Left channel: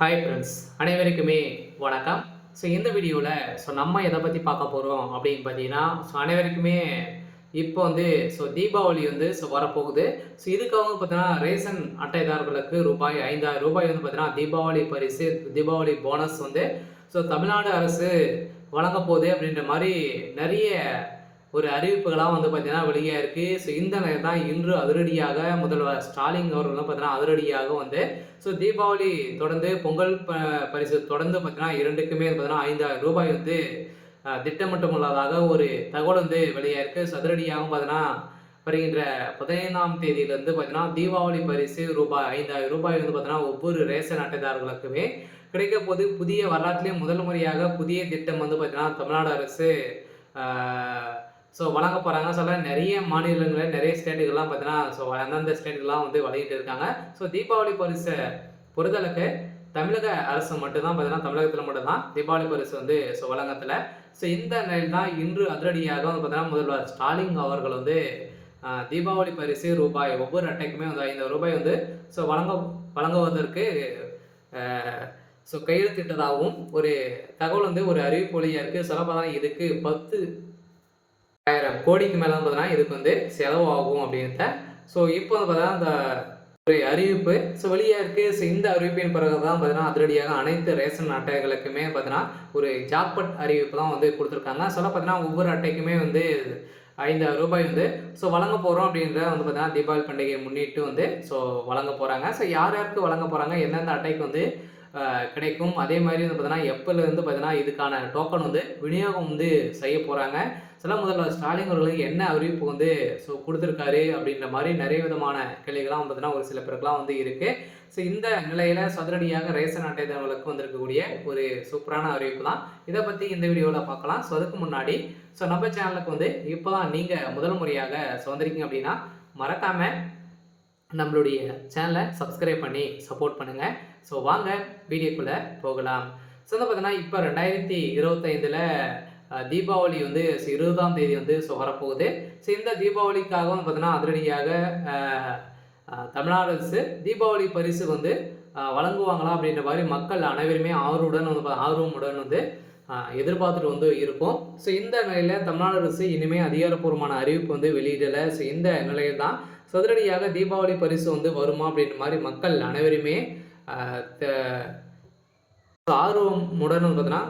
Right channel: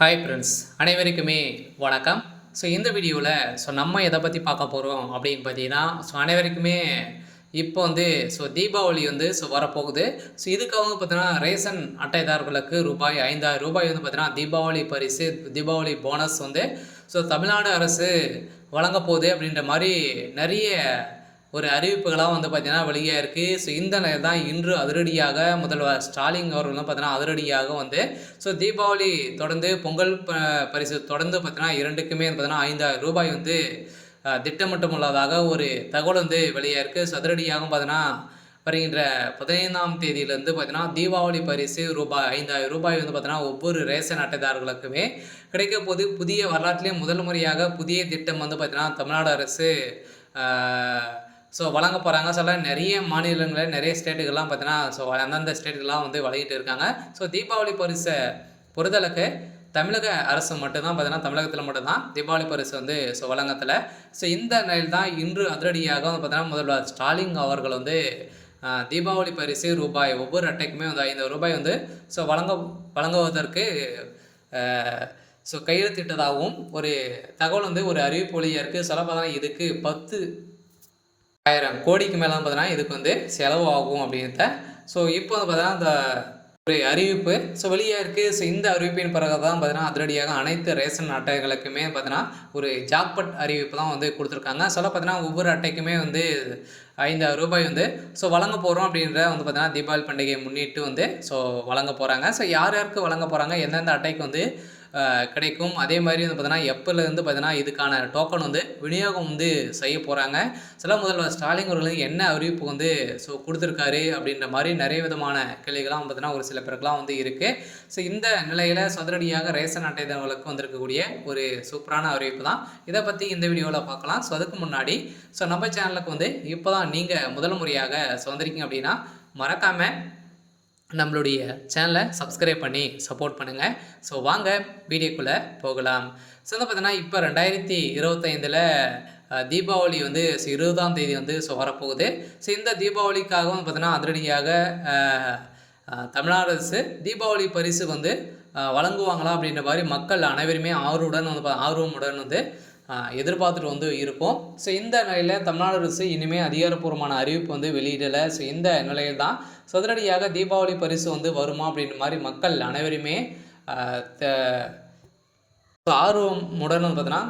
Hi friends, அனைவருக்குமே வணக்கம். இந்த வீடியோவில் நம்ம எதை பற்றி பார்க்க போகிறோம் அப்படின்னு பார்த்தீங்கன்னா, அனைவருக்குமே இப்போ தீபாவளி வரப்போகுது. இதுக்காக பார்த்தீங்கன்னா, ரேஷன் அட்டைதாரர்களுக்கு ரூபாய் 5,000 பார்த்தீங்கன்னா, தீபாவளி பரிசு, தீபாவளி போனஸ் தமிழ்நாடு அரசு வழங்கப் போகுது அப்படின்ற மாதிரி நிறைய ஒரு அறிவிப்புகளாக பார்த்தீங்கன்னா வெளியாக இருக்குது. இந்த நிலையில் தான் இன்று அதிரடியாக முதல்வர் ஸ்டாலின் அவர்கள் பார்த்தீங்கன்னா அதிரடியாக தீபாவளி தொடர்ந்து பொங்கல் பரிசு தொடர்ந்து பார்த்தீங்கன்னா இரண்டுக்குமே பார்த்தீங்கன்னா 5,000 திட்டமிட்டுள்ளதாக ஒரு தகவல் வெளியாக இருக்குது. அதிரடியாக பார்த்தீங்கன்னா வருகின்ற 15ஆம் தேதியிலேருந்து பார்த்தீங்கன்னா தீபாவளி பரிசு ரூபாய் 5,000 பார்த்தீங்கன்னா ஒவ்வொரு ரேஷன் அட்டைதாரர்களுக்குமே கிடைக்க போது. புதிய வரலாற்றிலே முதல் முறையாக புதிய திட்டம் பார்த்தீங்கன்னா தமிழ்நாடு அரசு வழங்க போகிறாங்க. நிறைய மாநிலங்களில் நிறைய ஸ்டேட்டுகள்லாம் பார்த்தீங்கன்னா அந்தந்த ஸ்டேட்டுகள்லாம் வழங்கிட்டு இருக்காங்க. தீபாவளி பரிசை பொறுத்தளவுக்கு தமிழக அரசு மட்டும்தான் பார்த்தீங்கன்னா தமிழகத்தில் மட்டும்தான் தீபாவளி பரிசு வழங்கத்தில். இந்த நிலையில் தான் இன்று அதிரடியாக பார்த்தீங்கன்னா முதல்வர் ஸ்டாலின் அவர்கள் தீபாவளி பரிசு ரூபாய் ஒவ்வொரு அட்டைக்குமே 5,000 வழங்குவதற்கு கையெழுத்திட்டதாகவும் ஒரு தகவல் ஒரு அறிவிப்பு வழியாக இருக்குது. சொல்லப்போனால் இதுக்கு 10,000 கோடிக்கு மேலே பார்த்தீங்கன்னா இதுக்கு செலவு ஆகும் அப்படின்றத இப்போ பார்த்தீங்கன்னா இந்த ஒரு அறிவிப்பு வெளியாக இருக்குது. இந்த அறிவிப்பின் பிறகு தான் பார்த்தீங்கன்னா அதிரடியாக அனைத்து ரேஷன் அட்டைகளுக்குமே பார்த்தீங்கன்னா ஒரு ஜாக்பட் அறிவிப்பு தான் கொடுத்துருக்காங்க. பார்த்தீங்கன்னா ஒவ்வொரு அட்டைக்குமே 5,000 வழங்க போகிறோம் அப்படின்ற பார்த்தீங்கன்னா தீபாவளி பண்டிகையை முன்னிட்டு வழங்க போகிறாங்க. யார் யாருக்கு வழங்க போகிறாங்க, எந்தெந்த அட்டைக்கு கிடைக்கும், அதே மாதிரி பார்த்தீங்கன்னா எப்போலேருந்து பார்த்தீங்கன்னா இதுக்கான டோக்கன் விநியோகம் செய்ய போகிறாங்க. முதல்வர் ஸ்டாலின் அவர்களுக்கு என்ன அறிவிப்பு கொடுத்துருக்காரு அப்படின்ற மாதிரி நிறைய விதமான கேள்விகள்லாம் பார்த்தீங்கன்னா ஒரு சில பேருக்குலாம் இருக்குது. இந்த நிலையில் சதுரடியாக ரேஷன் அட்டைதாரர்களுக்கு வந்திருக்கக்கூடிய ஒரு சூப்பரான அறிவிப்பு தான். இதை பற்றி இந்த வீடியோவில் பார்க்கலாம். அதுக்கு முன்னாடி நம்ம சேனலுக்கு இப்போ தான் நீங்கள் முதல் முறையாக வந்திருக்கீங்க அப்படின்னா மறக்காமல் நம்மளுடைய சேனலை சப்ஸ்கிரைப் பண்ணி சப்போர்ட் பண்ணுங்கள். வாங்க வீடியோக்குள்ளே போகலாம். பார்த்தீங்கன்னா இப்போ 2025 தீபாவளி 20ஆம் தேதி வரப்போகுது. இந்த தீபாவளிக்காக பார்த்தீங்கன்னா அதிரடியாக தமிழ்நாடு அரசு தீபாவளி பரிசு வழங்குவாங்களா அப்படின்ற மாதிரி மக்கள் அனைவருமே ஆர்வமுடன் எதிர்பார்த்துட்டு இருக்கோம். இந்த நிலையில் தமிழ்நாடு அரசு இனிமேல் அதிகாரப்பூர்வமான அறிவிப்பு வெளியிடலை. இந்த நிலையில் தான் சதுரடியாக தீபாவளி பரிசு வருமா அப்படின்ற மாதிரி மக்கள் அனைவருமே ஆர்வமுடன் பார்த்தீங்கன்னா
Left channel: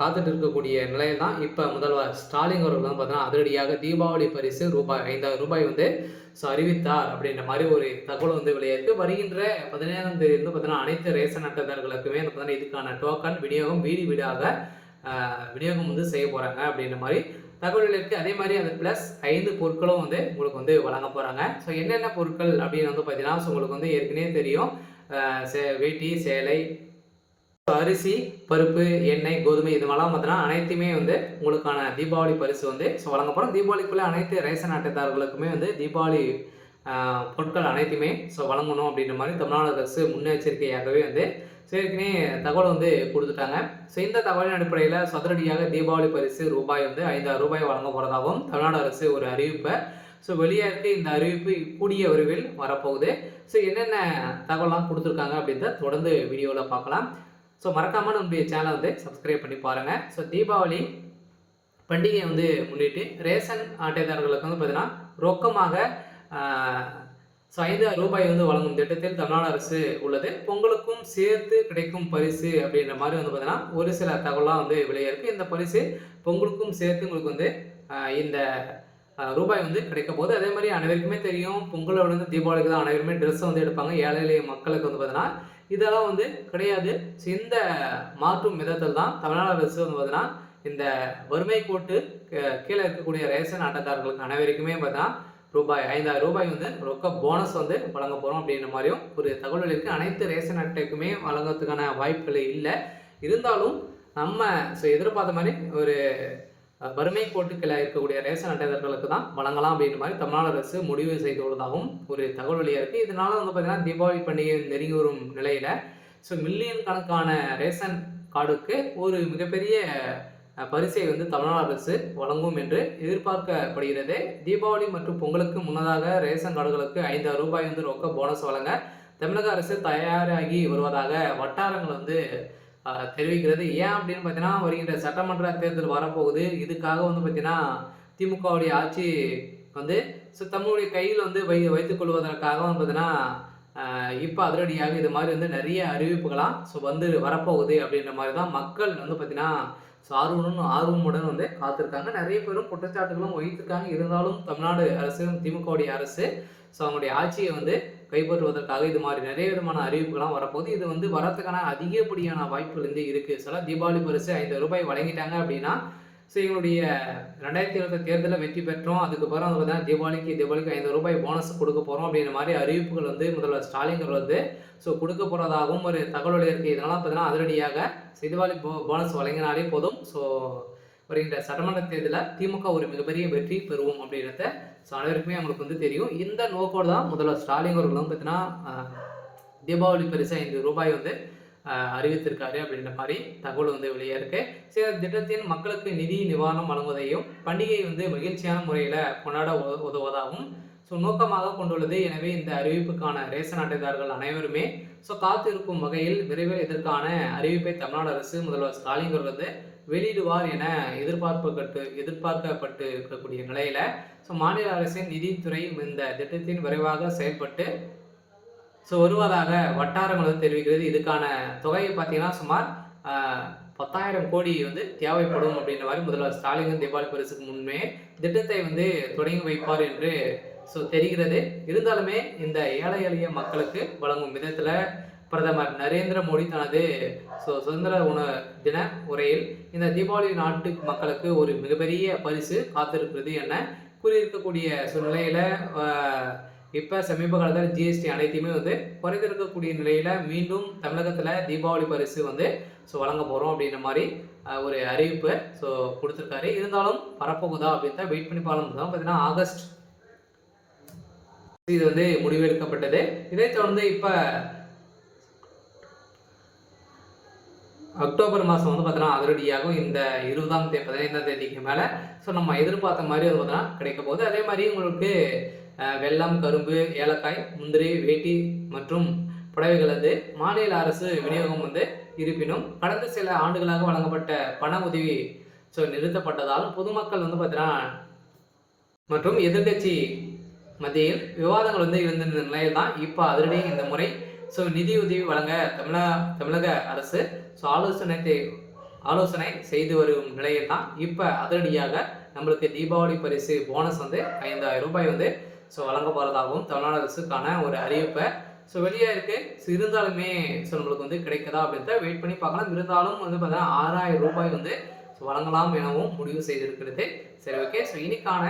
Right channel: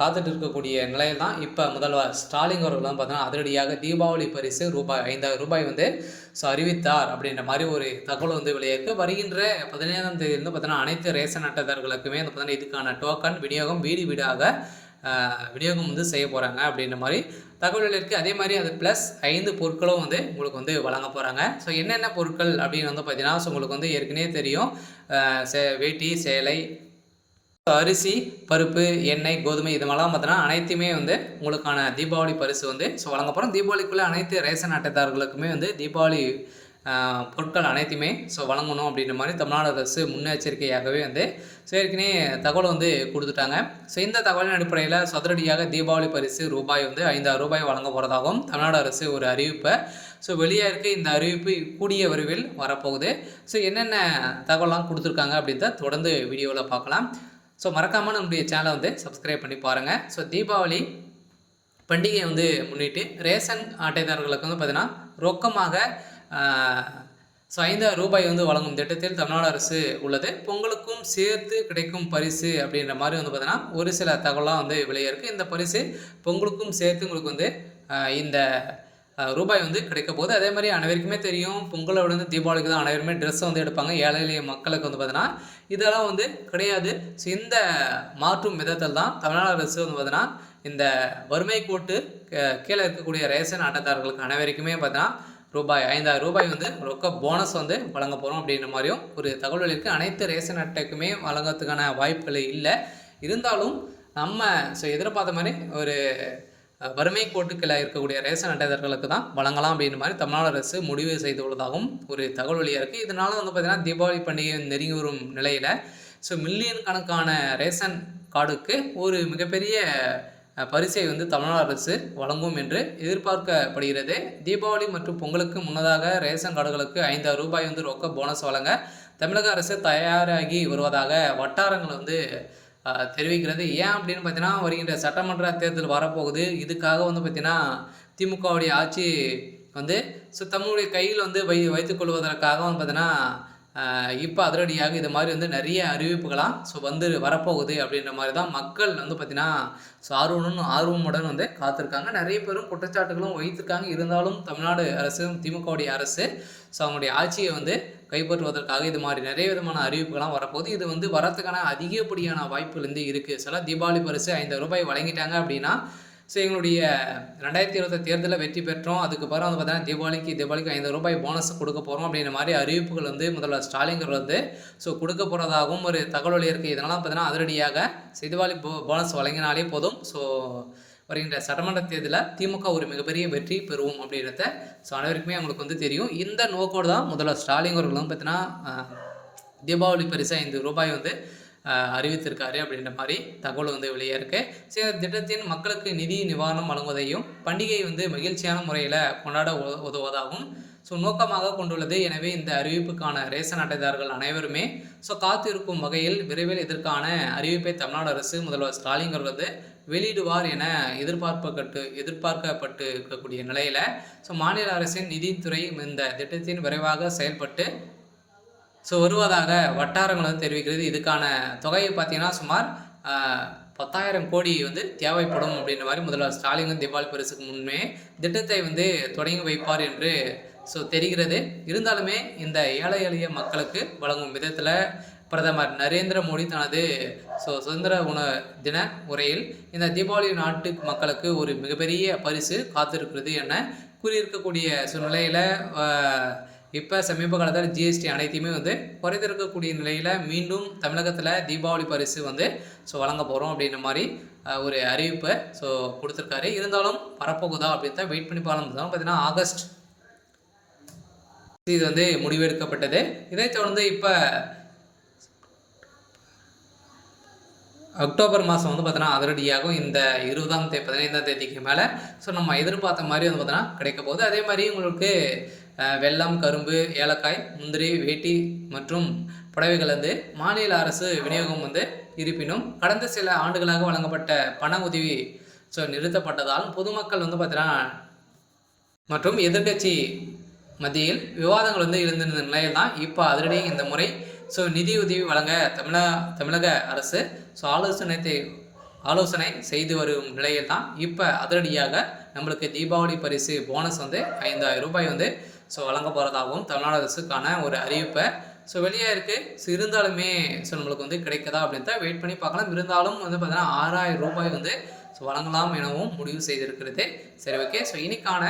காத்துட்டு இருக்கக்கூடிய நிலையில் தான் இப்போ முதல்வர் ஸ்டாலின் அவர்கள் பார்த்தீங்கன்னா அதிரடியாக தீபாவளி பரிசு ரூபாய் 5,000 அறிவித்தார் அப்படின்ற மாதிரி ஒரு தகவல் வெளியிருக்கு. வருகின்ற 15ஆம் தேதியிலிருந்து பார்த்தீங்கன்னா அனைத்து ரேஷன் அட்டைதாரர்களுக்குமே பார்த்தீங்கன்னா இதுக்கான டோக்கன் விநியோகம் வீடு வீடாக விநியோகம் செய்ய போகிறாங்க அப்படின்ற மாதிரி தகவல்கள் இருக்குது. அதே மாதிரி அது ப்ளஸ் 5 பொருட்களும் உங்களுக்கு வழங்க போகிறாங்க. என்னென்ன பொருட்கள் அப்படின்னு பார்த்தீங்கன்னா உங்களுக்கு ஏற்கனவே தெரியும். வேட்டி, சேலை, அரிசி, பருப்பு, எண்ணெய், கோதுமை இது மாதிரிலாம் பார்த்தீங்கன்னா அனைத்துமே உங்களுக்கான தீபாவளி பரிசு வழங்க போகிறோம். தீபாவளிக்குள்ளே அனைத்து ரேஷன் அட்டைதாரர்களுக்குமே தீபாவளி பொருட்கள் அனைத்துமே வழங்கணும் அப்படின்ற மாதிரி தமிழ்நாடு அரசு முன்னெச்சரிக்கையாகவே ஏற்கனவே தகவல் கொடுத்துட்டாங்க. இந்த தகவலின் அடிப்படையில் சதுரடியாக தீபாவளி பரிசு ரூபாய் 5,000 வழங்க போகிறதாகவும் தமிழ்நாடு அரசு ஒரு அறிவிப்பை வெளியாக இருக்குது. இந்த அறிவிப்பு கூடிய விரைவில் வரப்போகுது. என்னென்ன தகவலாம் கொடுத்துருக்காங்க அப்படின்றத தொடர்ந்து வீடியோவில் பார்க்கலாம். மறக்காமல் நம்முடைய சேனலை சப்ஸ்கிரைப் பண்ணி பாருங்கள். தீபாவளி பண்டிகையை முன்னிட்டு ரேஷன் அட்டைதாரர்களுக்கு பார்த்தீங்கன்னா ரொக்கமாக 5,000 வழங்கும் திட்டத்தில் தமிழ்நாடு அரசு உள்ளது. பொங்கலுக்கும் சேர்த்து கிடைக்கும் பரிசு அப்படின்ற மாதிரி பார்த்தீங்கன்னா ஒரு சில தகவலாம் வெளியே இருக்குது. இந்த பரிசு பொங்கலுக்கும் சேர்த்து உங்களுக்கு இந்த ரூபாய் கிடைக்க போகுது. அதே மாதிரி அனைவருக்குமே தெரியும், பொங்கலை விட தீபாவளிக்கு தான் அனைவருமே ட்ரெஸ் மக்களுக்கு பார்த்தீங்கன்னா இதெல்லாம் கிடையாது. இந்த மாற்றும் விதத்தில் தான் தமிழ்நாடு அரசு பார்த்தீங்கன்னா இந்த வறுமை கோட்டு கீழே இருக்கக்கூடிய ரேஷன் அட்டைதாரர்களுக்கு அனைவருக்குமே பார்த்தீங்கன்னா ரூபாய் 5,000 ரொக்க போனஸ் வழங்க போகிறோம் அப்படின்ற மாதிரியும் ஒரு தகவல் இருக்குது. அனைத்து ரேஷன் அட்டைக்குமே வழங்கிறதுக்கான வாய்ப்புகள் இல்லை. இருந்தாலும் நம்ம எதிர்பார்த்த மாதிரி ஒரு வறுமை கோட்டுக்களை இருக்கக்கூடிய ரேஷன் அட்டைதாரர்களுக்கு தான் வழங்கலாம் அப்படின்ற மாதிரி தமிழ்நாடு அரசு முடிவு செய்துள்ளதாகவும் ஒரு தகவல் வெளியாக இருக்குது. இதனால் பார்த்தீங்கன்னா தீபாவளி பண்டிகை நெருங்கி வரும் நிலையில் மில்லியன் கணக்கான ரேஷன் கார்டுக்கு ஒரு மிகப்பெரிய பரிசை தமிழ்நாடு அரசு வழங்கும் என்று எதிர்பார்க்கப்படுகிறது. தீபாவளி மற்றும் பொங்கலுக்கு முன்னதாக ரேஷன் கார்டுகளுக்கு 5,000 ரொக்க போனஸ் வழங்க தமிழக அரசு தயாராகி வருவதாக வட்டாரங்கள் வந்து தெரிவிக்கிறது. ஏன் அப்படின்னு பார்த்தீங்கன்னா, வருகின்ற சட்டமன்ற தேர்தல் வரப்போகுது. இதுக்காக வந்து பார்த்தீங்கன்னா, திமுகவுடைய ஆட்சி வந்து தம்முடைய கையில் வந்து வைத்துக் கொள்வதற்காக வந்து பார்த்தீங்கன்னா, இப்ப அதிரடியாக இது மாரி வந்து நெறைய அறிவிப்புகளாம் வந்து வரப்போகுது அப்படின்ற மாரி தான் மக்கள் வந்து பார்த்தீங்கன்னா, ஆர்வமுடன் வந்து காத்திருக்காங்க. நெறைய பேரும் குற்றச்சாட்டுகளும் வைத்திருக்காங்க. இருந்தாலும் தமிழ்நாடு அரசு, திமுகவுடைய அரசு அவங்களுடைய ஆட்சிய வந்து கைப்பற்றுவதற்காக இது மாரி நெறைய விதமான அறிவிப்புகள்லாம் வரப்போகுது. இது வந்து வரதுக்கான அதிகப்படியான வாய்ப்புகள் வந்து இருக்கு. சில தீபாவளி பரிசு ரூ. 5 வழங்கிட்டாங்க அப்படின்னா, எங்களுடைய 2020 தேர்தல்ல வெற்றி பெற்றோம். அதுக்கப்புறம் வந்து பார்த்தீங்கன்னா, தீபாவளிக்கு ரூ. 5 போனஸ் குடுக்க போறோம் அப்படின்ற மாரி அறிவிப்புகள் வந்து முதல்வர் ஸ்டாலின் அவர்கள் வந்து குடுக்க போறதாகவும் ஒரு தகவல் இருக்கு. இதனால பார்த்தீங்கன்னா, அதிரடியாக தீபாவளி போனஸ் வழங்கினாலே போதும். வருகின்ற சட்டமன்ற தேர்தலில் திமுக ஒரு மிகப்பெரிய வெற்றி பெறுவோம் அப்படின்றத அனைவருக்குமே அவங்களுக்கு வந்து தெரியும். இந்த நோக்கோடு தான் முதல்வர் ஸ்டாலின் அவர்கள் வந்து பார்த்தீங்கன்னா, தீபாவளி பரிசு ரூ. 5 வந்து அறிவித்திருக்காரு அப்படின்ற மாதிரி தகவல் வந்து வெளியே இருக்கு. திட்டத்தின் மக்களுக்கு நிதி நிவாரணம் வழங்குவதையும் பண்டிகை வந்து மகிழ்ச்சியான முறையில் கொண்டாட உதவுவதாகவும் நோக்கமாக கொண்டுள்ளது. எனவே இந்த அறிவிப்புக்கான ரேஷன் அட்டைதாரர்கள் அனைவருமே காத்திருக்கும் வகையில் விரைவில் இதற்கான அறிவிப்பை தமிழ்நாடு அரசு முதல்வர் ஸ்டாலின் அவர்கள் வந்து வெளியிடுவார் என எதிர்பார்க்கப்பட்டு இருக்கக்கூடிய நிலையில மாநில அரசின் நிதித்துறை இந்த திட்டத்தின் விரைவாக செயல்பட்டு வருவதாக வட்டாரங்கள் வந்து தெரிவிக்கிறது. இதுக்கான தொகையை பார்த்தீங்கன்னா சுமார் 10,000 கோடி வந்து தேவைப்படும் அப்படின்ற மாதிரி முதல்வர் ஸ்டாலின் தீபாவளி பரிசுக்கு முன்னே திட்டத்தை வந்து தொடங்கி வைப்பார் என்று தெரிகிறது. இருந்தாலுமே இந்த ஏழை எளிய மக்களுக்கு வழங்கும் விதத்தில் பிரதமர் நரேந்திர மோடி தனது சுதந்திர தின உரையில் இந்த தீபாவளி நாட்டு மக்களுக்கு ஒரு மிகப்பெரிய பரிசு காத்திருக்கிறது என கூறியிருக்கக்கூடிய சூழ்நிலையில் இப்போ சமீப காலத்தில் ஜிஎஸ்டி அனைத்தையுமே வந்து குறைந்திருக்கக்கூடிய நிலையில் மீண்டும் தமிழகத்தில் தீபாவளி பரிசு வந்து வழங்க போகிறோம் அப்படின்ற மாதிரி ஒரு அறிவிப்பை கொடுத்துருக்காரு. இருந்தாலும் வரப்போகுதா அப்படின்னு தான் வெயிட் பண்ணி பார்க்கலாம். பார்த்தீங்கன்னா ஆகஸ்ட் இது வந்து முடிவெடுக்கப்பட்டது. இதைத் தொடர்ந்து இப்போ அக்டோபர் மாதம் வந்து பார்த்தீங்கன்னா அதிரடியாகவும் இந்த 15ஆம் தேதிக்கு மேலே நம்ம எதிர்பார்த்த மாதிரி வந்து பார்த்தீங்கன்னா கிடைக்க போகுது. அதே மாதிரி உங்களுக்கு வெல்லம், கரும்பு, ஏலக்காய், முந்திரி, வேட்டி மற்றும் புடவைகள் வந்து மாநில அரசு விநியோகம் வந்து இருப்பினும் கடந்த சில ஆண்டுகளாக வழங்கப்பட்ட பண உதவி நிறுத்தப்பட்டதால் பொதுமக்கள் வந்து பார்த்தீங்கன்னா மற்றும் எதிர்கட்சி மத்தியில் விவாதங்கள் வந்து இருந்திருந்த நிலையில் தான் இப்போ அதிரடி இந்த முறை நிதியுதவி வழங்க தமிழக அரசு ஆலோசனை செய்து வரும் நிலையில் தான் இப்போ அதிரடியாக நம்மளுக்கு தீபாவளி பரிசு போனஸ் வந்து ரூ. 5,000 வந்து வழங்க போகிறதாகவும் தமிழ்நாடு அரசுக்கான ஒரு அறிவிப்பை வெளியே இருக்குது. இருந்தாலுமே நம்மளுக்கு வந்து கிடைக்குதா அப்படின்னு தான் வெயிட் பண்ணி பார்க்கலாம். இருந்தாலும் வந்து பார்த்தீங்கன்னா ரூ. 6,000 வந்து வழங்கலாம் எனவும் முடிவு செய்திருக்கிறது. சரி, ஓகே. இன்னைக்கான